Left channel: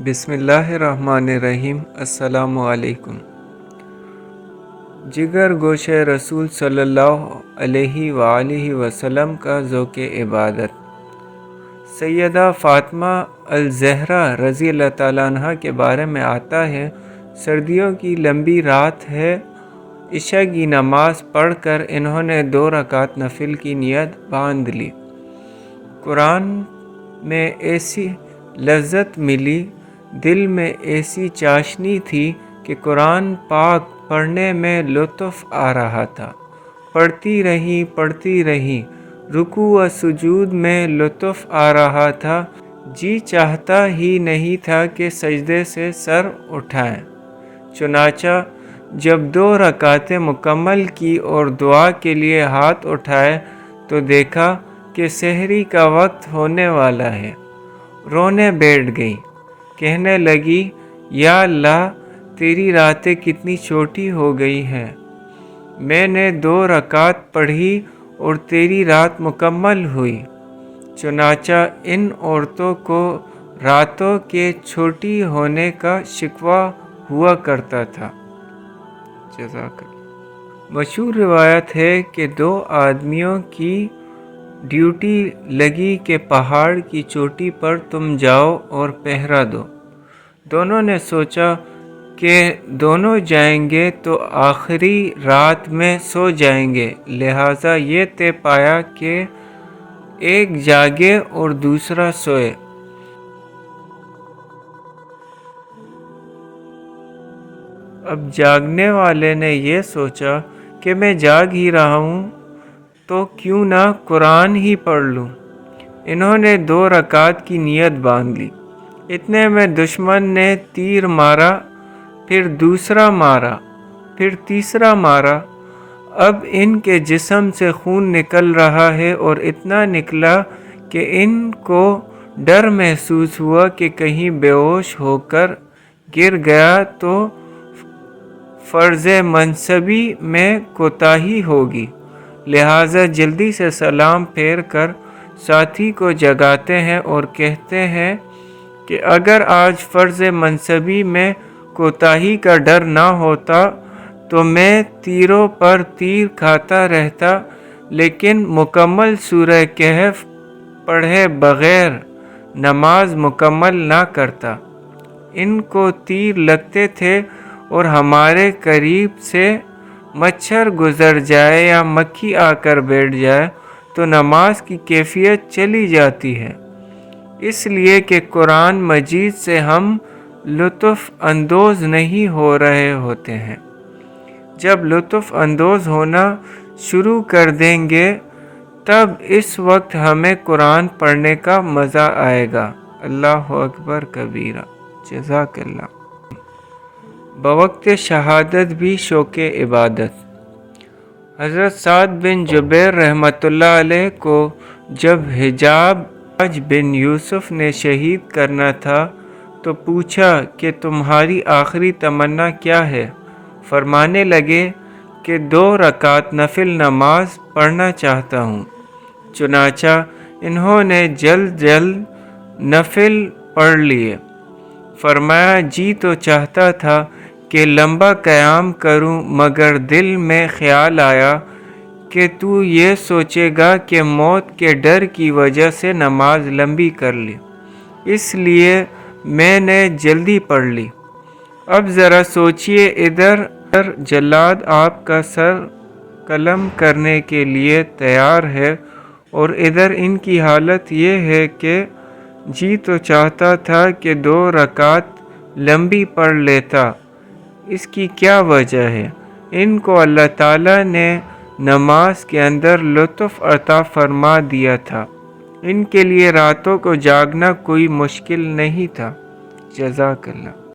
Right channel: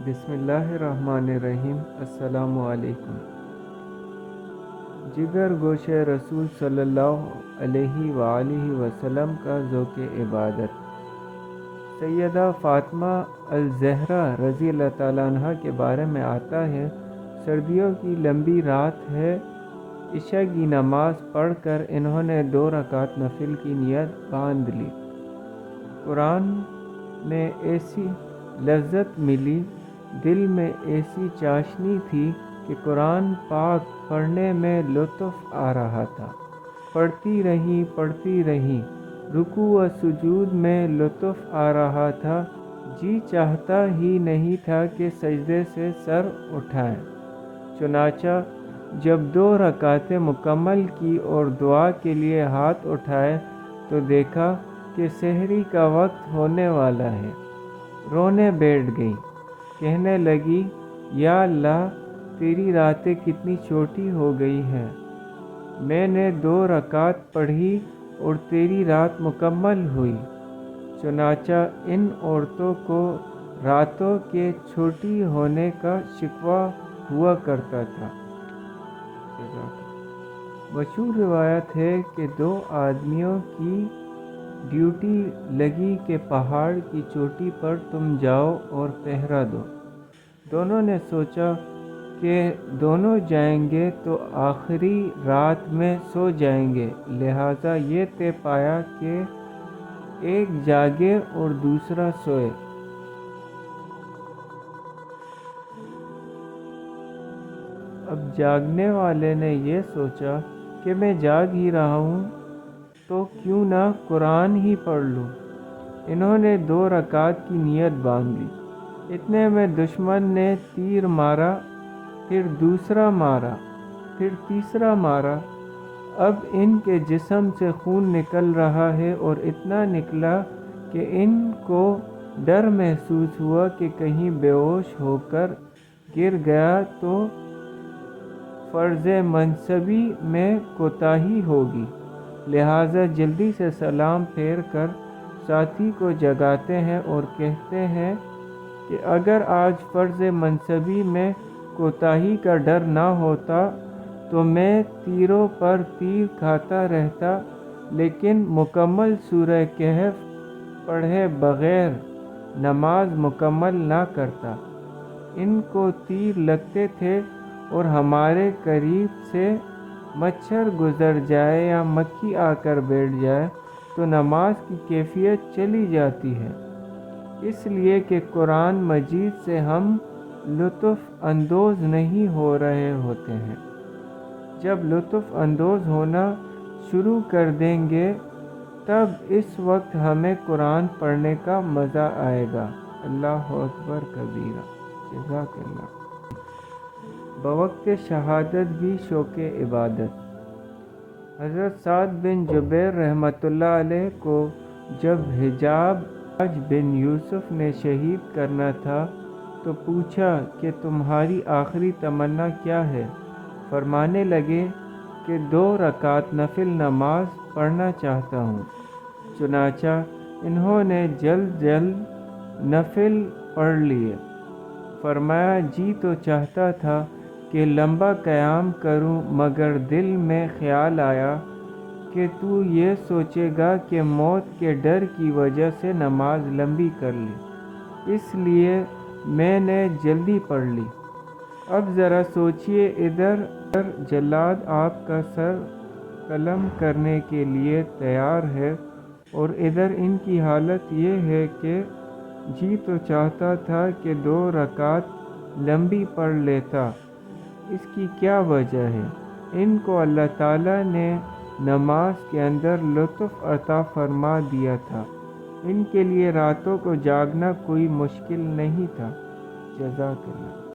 بسم اللہ الرحمن الرحیم۔ السلام علیکم۔ جگر گوش رسول صلی اللہ علیہ وآلہ وسلم کا ذوق عبادت۔ سیدہ فاطمہ الزہرا رضی اللہ تعالیٰ عنہ کے بارے میں آتا ہے، سردیوں کی لمبی رات ہے، عشاء کی نماز پڑھ کر انہوں نے 2 رکعت نفل کی نیت باندھ لی۔ قرآن میں ایسی لذت ملی، دل میں ایسی چاشنی تھی کہ قرآن پاک پڑھنے میں لطف آ رہا تھا۔ پڑھتی رہیں، رکوع و سجود میں لطف آ رہا تھا، جی چاہتا ہی نہیں تھا کہ سجدے سے سر اٹھائیں۔ چنانچہ جب 2 رکعتیں مکمل کی اور دعا کے لیے ہاتھ اٹھائے تو دیکھا کہ سحری کا وقت ہونے والا ہے۔ رونے بیٹھ گئی، کہنے لگی، یا اللہ، تیری راتیں کتنی چھوٹی ہو گئی ہیں۔ میں نے 2 رکعت پڑھی اور تیری رات مکمل ہوئی۔ چنانچہ ان عورتوں کو راتوں کے چھوٹی ہونے کا شکوہ ہوا کرتا تھا۔ جزاک اللہ۔ مشہور روایت ہے کہ 2 آدمیوں کی ڈیوٹی لگی کہ پہاڑ کی چوٹی پر تم جاؤ اور پہرا دو۔ دونوں نے سوچا کہ دونوں جائیں گے تو آخری رات میں سو جائیں گے، لہٰذا یہ طے پایا کہ ایک جاگے اور دوسرا سوئے۔ اب جاگنے والے نے یہ سوچا کہ میں جاگ ہی رہا ہوں تو کیوں نہ قرآن ہی پڑھ لوں۔ انہوں نے 2 رکعت کی نیت باندھ لی۔ اتنے میں دشمن نے تیر مارا، پھر دوسرا مارا، پھر تیسرا مارا۔ اب ان کے جسم سے خون نکل رہا ہے اور اتنا نکلا کہ ان کو ڈر محسوس ہوا کہ کہیں بے ہوش ہو کر گر گیا تو فرض منصبی میں کوتاہی ہوگی، لہٰذا جلدی سے سلام پھیر کر ساتھی کو جگاتے ہیں اور کہتے ہیں کہ اگر آج فرض منصبی میں کوتاہی کا ڈر نہ ہوتا تو میں تیروں پر تیر کھاتا رہتا، لیکن مکمل سورہ کہف پڑھے بغیر نماز مکمل نہ کرتا۔ ان کو تیر لگتے تھے اور ہمارے قریب سے مچھر گزر جائے یا مکھی آ کر بیٹھ جائے تو نماز کی کیفیت چلی جاتی ہے، اس لیے کہ قرآن مجید سے ہم لطف اندوز نہیں ہو رہے ہوتے ہیں۔ جب لطف اندوز ہونا شروع کر دیں گے تب اس وقت ہمیں قرآن پڑھنے کا مزہ آئے گا۔ اللہ اکبر کبیرہ۔ جزاک اللہ۔ بوقت شہادت بھی شوق عبادت۔ حضرت سعد بن جبیر رحمۃ اللہ علیہ کو جب حجاج بن یوسف نے شہید کرنا تھا تو پوچھا کہ تمہاری آخری تمنا کیا ہے؟ فرمانے لگے کہ 2 رکعت نفل نماز پڑھنا چاہتا ہوں۔ چنانچہ انہوں نے جلد نفل پڑھ لیے۔ فرمایا، جی تو چاہتا تھا کہ لمبا قیام کروں، مگر دل میں خیال آیا کہ تو یہ سوچے گا کہ موت کے ڈر کی وجہ سے نماز لمبی کر لی، اس لیے میں نے جلدی پڑھ لی۔ اب ذرا سوچئے، ادھر جلاد آپ کا سر قلم کرنے کے لیے تیار ہے اور ادھر ان کی حالت یہ ہے کہ جی تو چاہتا تھا کہ 2 رکعت لمبی پڑھ لیتا، اس کی کیا وجہ ہے؟ ان کو اللہ تعالیٰ نے نماز کے اندر لطف عطا فرما دیا تھا، ان کے لیے راتوں کو جاگنا کوئی مشکل نہیں تھا۔ جزاک اللہ۔